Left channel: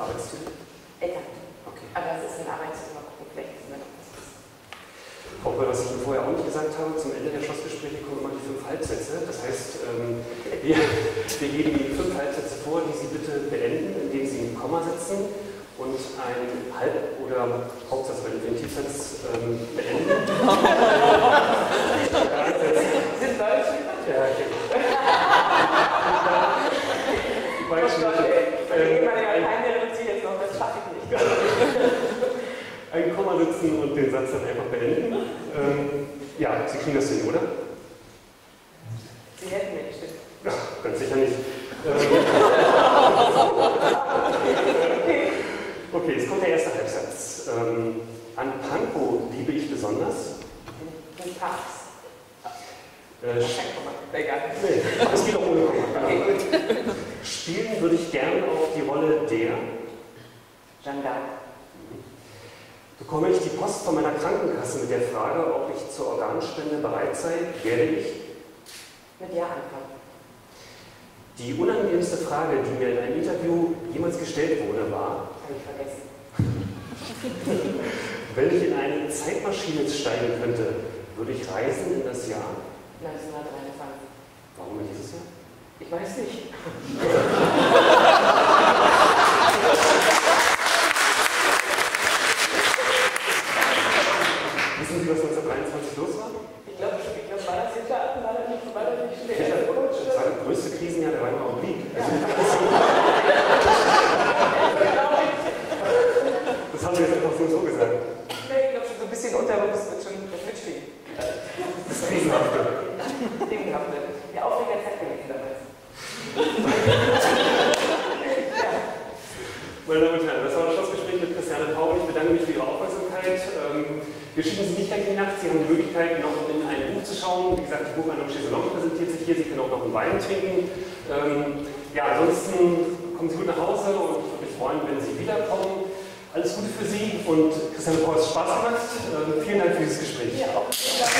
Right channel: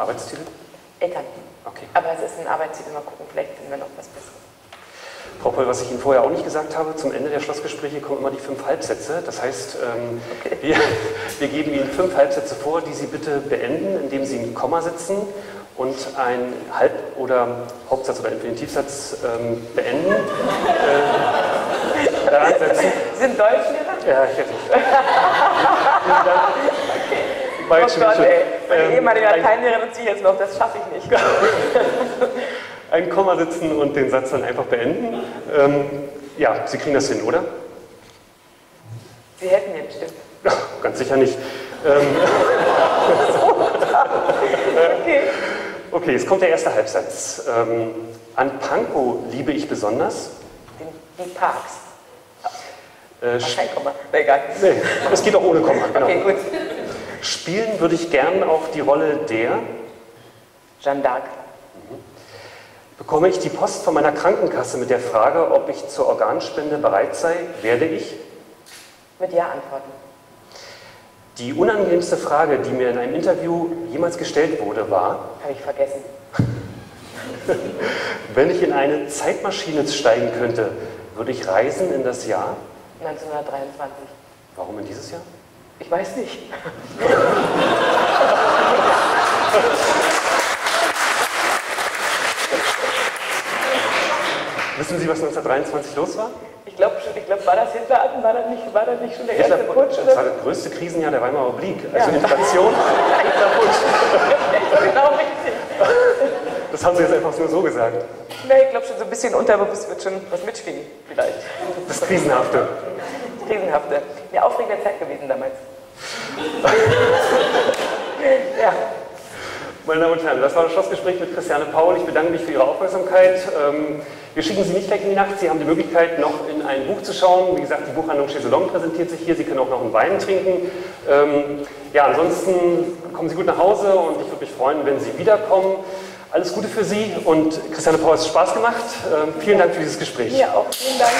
Arbeitstitel? Eltern. Okay. Aber es ist ein Arbeitstitel, mal gucken, vielleicht finden wir noch was Besseres. Frau Poll, was ich Ihnen vorher auch nicht gesagt habe, zum Ende der Schlussgespräche kommen immer die 5 Halbsätze. Das heißt, Okay. wir geben Ihnen 5 Halbsätze vor, die Sie bitte beenden, indem Sie ein Komma setzen und einen Halb- oder Hauptsatz oder Infinitivsatz beenden. Daran setzen. Sie sind Deutschlehrer? Ja, ich hätte. Oh Gott, ey. Meine ehemalige Lateinlehrerin ziehe ich jetzt noch, das schaffe ich nicht. Ein Komma setzen und den Satz dann einfach beenden. Ja, Sie kriegen das hin, oder? Sie helfen mir bestimmt. Ja, ganz sicher nicht. Okay. Okay, jetzt kommt der erste Halbsatz. An Pankow liebe ich besonders. Die Parks. Sch- Kein Komma. Egal. nee, es geht auch ohne Komma. Genau. Okay, gut. Spielen würde ich gern auf die Rolle der. Jeanne d'Arc. Bekomme ich die Post von meiner Krankenkasse mit der Frage, ob ich zur Organspende bereit sei, werde ich. Mit Ja antworten. Die unangenehmste Frage, die mir in einem Interview jemals gestellt wurde, war: Habe ich vergessen. Wenn ich in eine Zeitmaschine steigen könnte, würde ich reisen in das Jahr. 1923. Warum in dieses Jahr? Ich weiß nicht. Wissen Sie, was 1923 los war? Ich glaube, war das jetzt Daten? War das nicht schon der erste Putsch? Das war das größte Krisenjahr der Weimarer Republik. Also Ja. Inflation. Genau richtig. Das haben Sie jetzt einfach nur so gesagt. Nee, ich glaube schon so ein bisschen unterbewusst wird schon was mitschwingen, vielleicht. Das Krisenhafte. Krisenhafte. Eine aufregende Zeit gewesen damals. Ja. Meine Damen und Herren, das war das Schlussgespräch mit Christiane Paul. Ich bedanke mich für Ihre Aufmerksamkeit. Wir schicken Sie nicht weg in die Nacht. Sie haben die Möglichkeit, noch in ein Buch zu schauen. Wie gesagt, die Buchhandlung Chaiselong präsentiert sich hier. Sie können auch noch einen Wein trinken. Ja, ansonsten kommen Sie gut nach Hause und ich würde mich freuen, wenn Sie wiederkommen. Alles Gute für Sie und Christiane Paul, es hat Spaß gemacht. Vielen Dank für dieses Gespräch. Ja, auch vielen Dank.